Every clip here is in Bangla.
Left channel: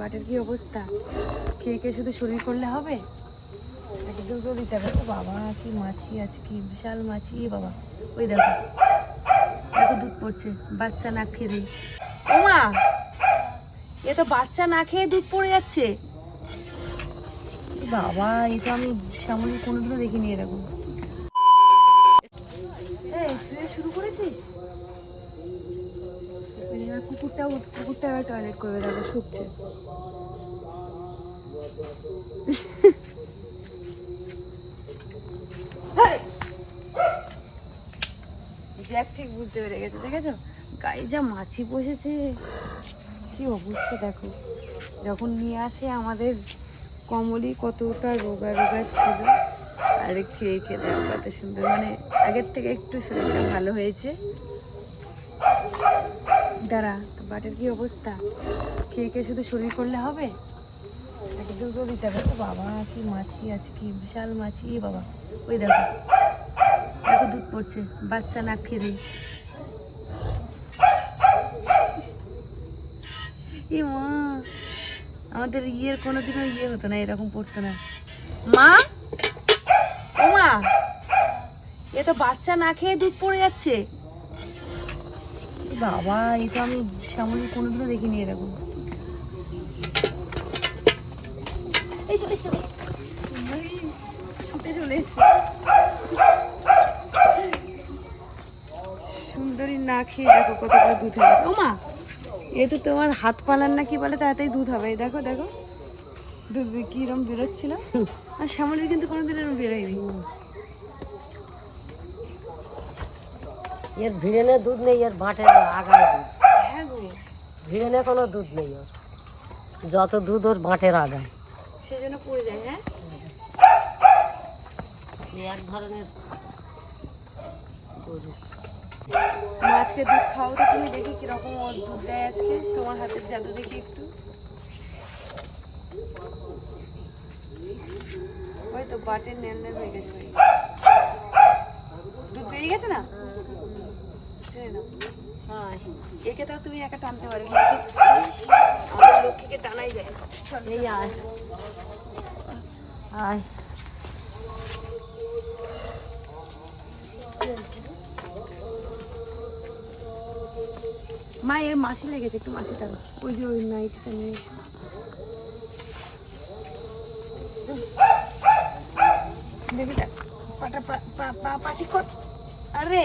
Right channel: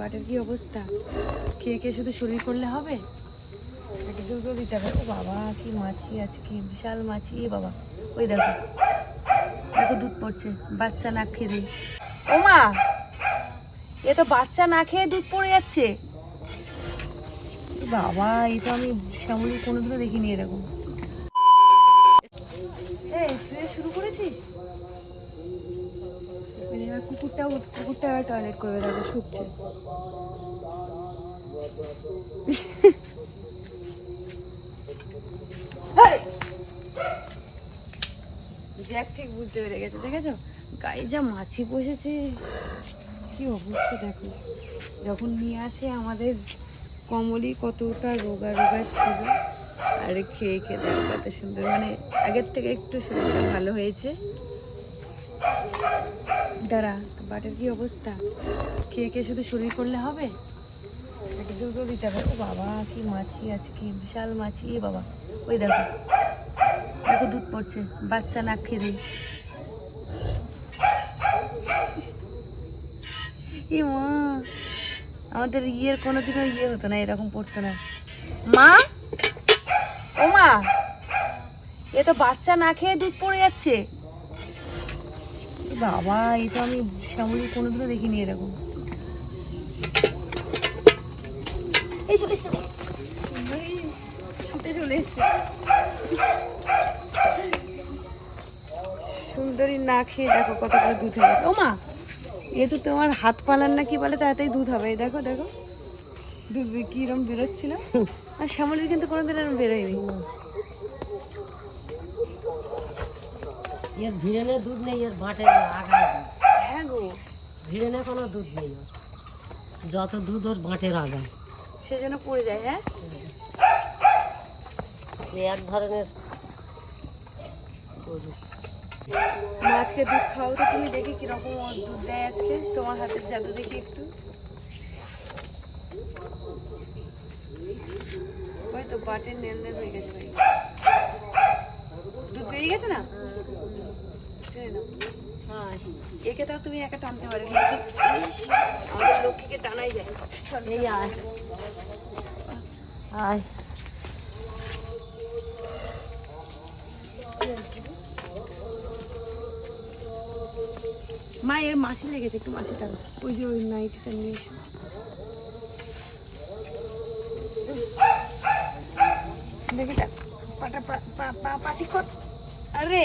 বাটের কি অবস্থা? খেয়ে খেয়ে শুধু শরীর করলে হবে? নাকি দুধও দিতে হবে? ও বাবা, কি মাছি আজকে, বিশাল মাছি, এ বাবা। ওই দেখো দেখো দুধ পড়ছে, বাচ্চা না খেয়ে দিই ও মা, এ তো বাচ্চা না খেয়ে দুধ পড়ে যাচ্ছে। বাবা, এই তো আমি শ্যামলি কোনোদিনও দেখিনি এরকম এই তুই শুরু করেছিস কুকুরটাও কুকুরটা এবার টয়লেট করবে দেখো শুকছে! জ্যাক ঠিক বুঝতে পেরে গেছে, দেখেছ? গায়ে যা মাছি বসেছে। কি অবস্থা দেখো। যখন নিয়ে আসে আমাদের কমলি, কতটা রোগা রোগা ছিল। আর খেয়ে খেয়ে দেখো কত সুন্দর। মানে আগের থেকে একটু শরীরটা ভালো হয়েছে। দাঁড়া তো বাটের কি অবস্থা? খেয়ে খেয়ে শুধু শরীর করলে হবে? দুধও দিতে হবে। ও বাবা, কি মাছি আজকে, বিশাল মাছি। এ বাবা, ওই দেখো দেখো দুধ পড়ছে, বাচ্চা না খেয়ে দিই মা, আমাদের ইয়ের কোনোদিনও ইয়ে হতো না, এরকম পড়তো না। মা? ও মা, এ তো বাচ্চা না খেয়ে দুধ পড়ে যাচ্ছে। বাবা তো আমি শ্যামলি কোনোদিনও দেখিনি এরকম। এই চলে সুন্দরী না খেয়ে দেখো কতটা দুধ গেছে ও মা, এ তো তোমার হাত পালার না কি বলে তাড়াতাড়ি দুধ হবে। দেখো দেখো। দুধ কিরম বেরোচ্ছিল আর শ্যামলির কিন্তু কোনোদিন এরকম বেরোয়নি। এর ভিড়েনে দুধ নেই এর ভাটের আগায় দুধ। হ্যাঁ গো। ভিড়েনে কোনো দুধ নেই ওর। যত দুধ ওর ভাটের আগায়। সেজন্য পড়ে যায় হ্যাঁ? এক ধরনের গরু। আজকে দুধ খাও তো তুমি দেখি কীরকম ওর দুধ দেয় আজকে। তোমার হাতের জাদু দেখি একটু। ওই তো বাটের নেল নেল হয়ে গেছে। ভাই দুধ বেরিয়ে গেছে না। হ্যাঁ। একে তাও তুমি একা টানতে পারবে। আমাদের লক্ষ্মীকে টানাই যায়। এই আয়। আয়। মা এর মাছি লেগেছে একটু মাছিটা ওই যে ওই নাইটিটা নিয়ে এসো। দেখি পাটা পা- পা- পা- পাচি কর আরে!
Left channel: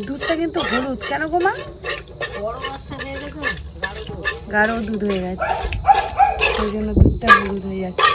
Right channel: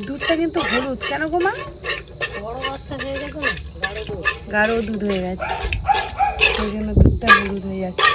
দুধটা কিন্তু হলুদ। কেন গো মা? গাঢ় দুধ। হয়ে গেছে। সেই জন্য দুধটা হলুদ হয়ে যাচ্ছে।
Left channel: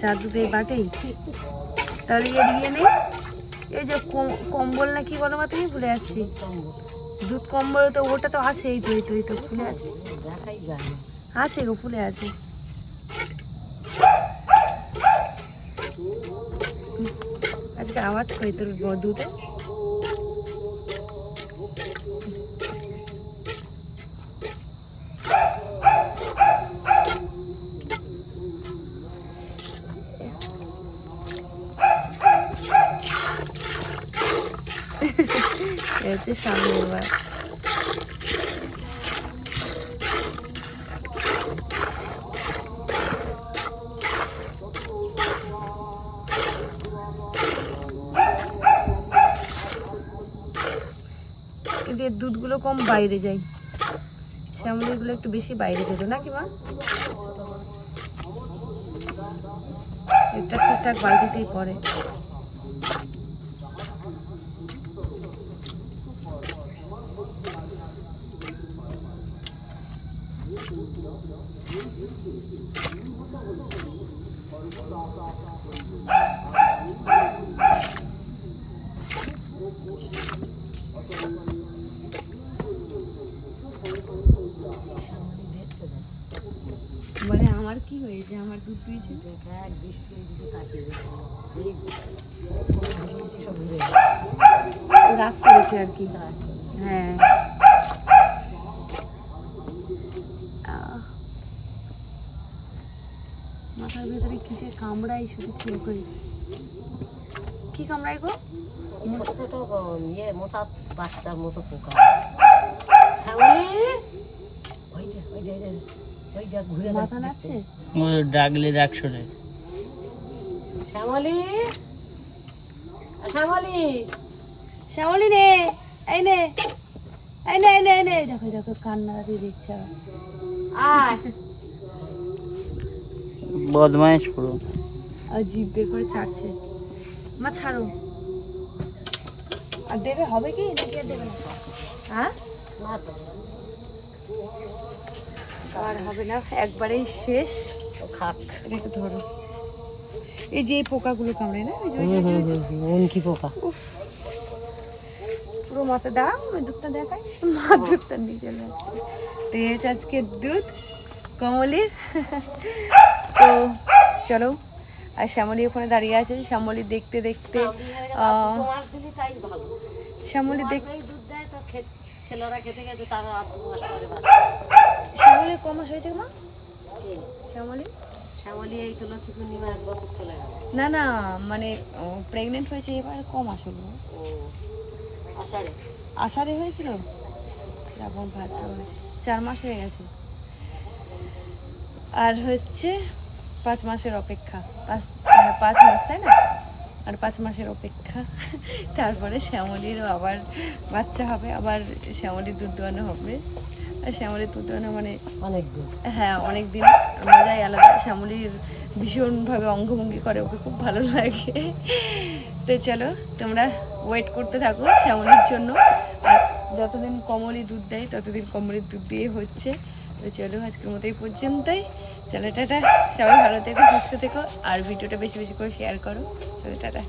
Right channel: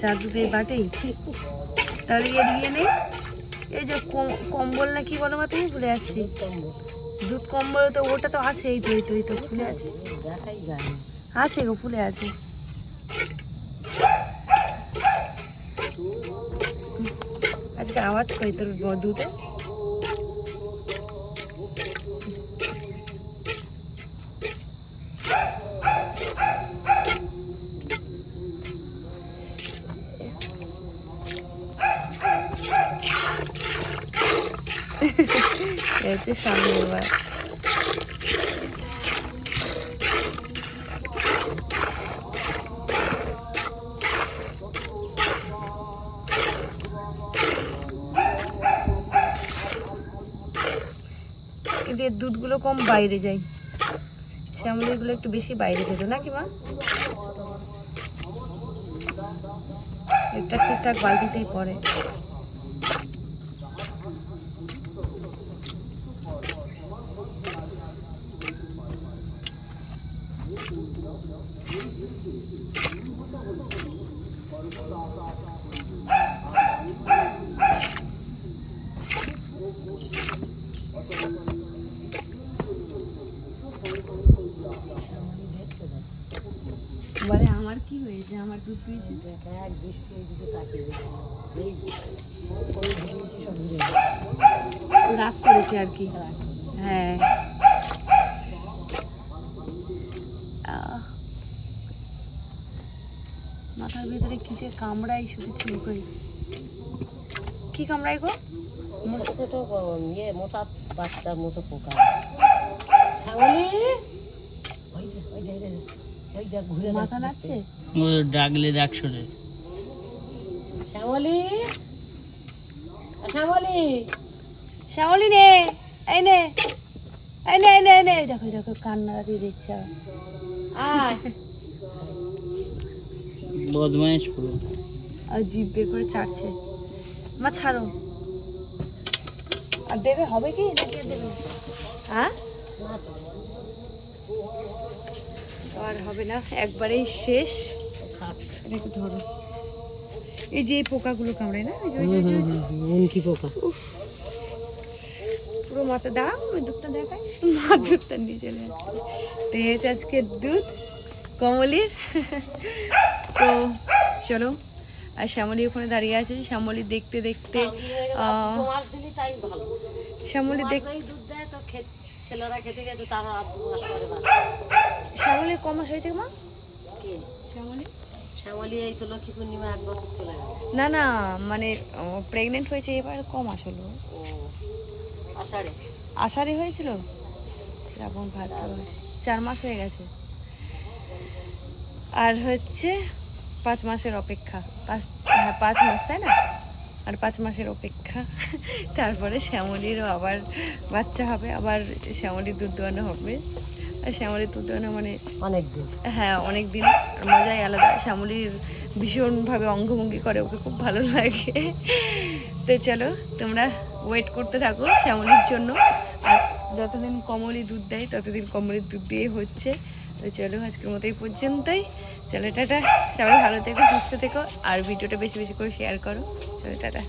যার দুধ এই বাটেই তাহলে এর ইয়ে নেই এই যে কম- কম্বল না কি বলো মা তুমি? ভুলে যাচ্ছি। দুধ কম্বল তো ওটা তো আছে এই তো এই তো এই তো ফুলে আছে। দেখাই যায় না। আছে গো ফুলে আছে। আজকে আওয়াজ করি তোর দুধে এই হচ্ছে সামনে যে দুধগুলো কম বাইরে যায়। শ্যামলিগুলো একটু বেশি বাইরে যেত, নাকি মা? এটা ঠিকঠাক বালতিতেই পড়ে দেখতে যাও বলে আমার আমার দুধ দিয়েছে দেখ বৃষ্টি তাকিয়ে রাগ করেছে আর কি। হ্যাঁ। আহ। মাথার ভেতরে কি যে কামড়াই শুধু চুল করি। কি কামড়াই গো? ছোট ছোট ইয়ে মোটা বাচ্চার মতো পোকা। শ্যামলি ওই দেখ ওই দেখ ওই দেখ, ঘুরে মাথা নাচছে ও ডাকলে ডাক শোনে। শ্যামলি? শ্যামলি? শ্যামলি নে এই নে এই নে এই নে এই নে দেখো দেখো কান্না দিয়ে দেখছে আবার। আয়। বদমাইশ পুরো। আর জিভ বের করে ছাড়ছে। মা ছাড়ো। আর দেবে হবে কি? নাকি আর দেবে না? হ্যাঁ? আর হবে না একবারেই শেষ। খাক। ধরো। এই যে পোকাগুলো কামড়ায় না? এই যে- ওই যে- ওই যে- ওই যে- মনকি পোকা। উফ। পুরো মাথা দাও আমি দুধটা দেখাই। মা দুধটা নিয়ে। চলে যাচ্ছে তো এই হচ্ছে আজকে দুধ কমলির। তো চলো আর শ্যামলি ওখানে দাঁড়িয়ে আছে। শ্যামলি দেখতে দেখতে শ্যামলি মাস দিলি তাই ভালো। শ্যামলী দেখ এই দুধ দেয় তো খেত ছেলেরা খেতে খেতে তারা আর দু মাস পরে বাঁচে। শ্যামলীর ক মাস হয়েছে মা? শ্যামলী? শ্যামলি এই তো লক্ষ্মী পূর্ণিমা এক বছর চলে গেল। না না মানে প্রেগনেন্ট হয়েছে এবার ক মাস হলো? আষাঢ়ে। আষাঢ়ে হয়েছিল? শ্রাবণ ভাদ্র চার মাস হয়ে গেছে। আর হচ্ছে পাঁচ মাসের অপেক্ষা। পাঁচ হ্যাঁ, পাঁচ মাস তাই না? আর পাঁচ মাসের অপেক্ষা। তারপরে শ্যামলিরও আবার বাচ্চা হবে আবার শ্যামলির দুধ দোয়ানো হবে। আর শ্যামলির দুধ দোয়ানো মানে অনেক দিন। হ্যাঁ অনেক দিন। মজাই আলাদা। শ্যামলির ভীষণভাবে অঙ্গভঙ্গি করে ওকে খুব ভালো লাগে। তো চলো তোমরা ওয়েট করতে থাকো শ্যামলির জন্য। আর যতদিন কমলি দুধ দেয় ততদিন কমলির দুধ দিয়ে হচ্ছে। তো চলো আজকের মতো এই পর্যন্তই। চলো টাটা, সবাই ভালো থেকো, সুস্থ থেকো, আর ভিডিওটা বেশি বেশি করে শেয়ার করো। চলো টাটা।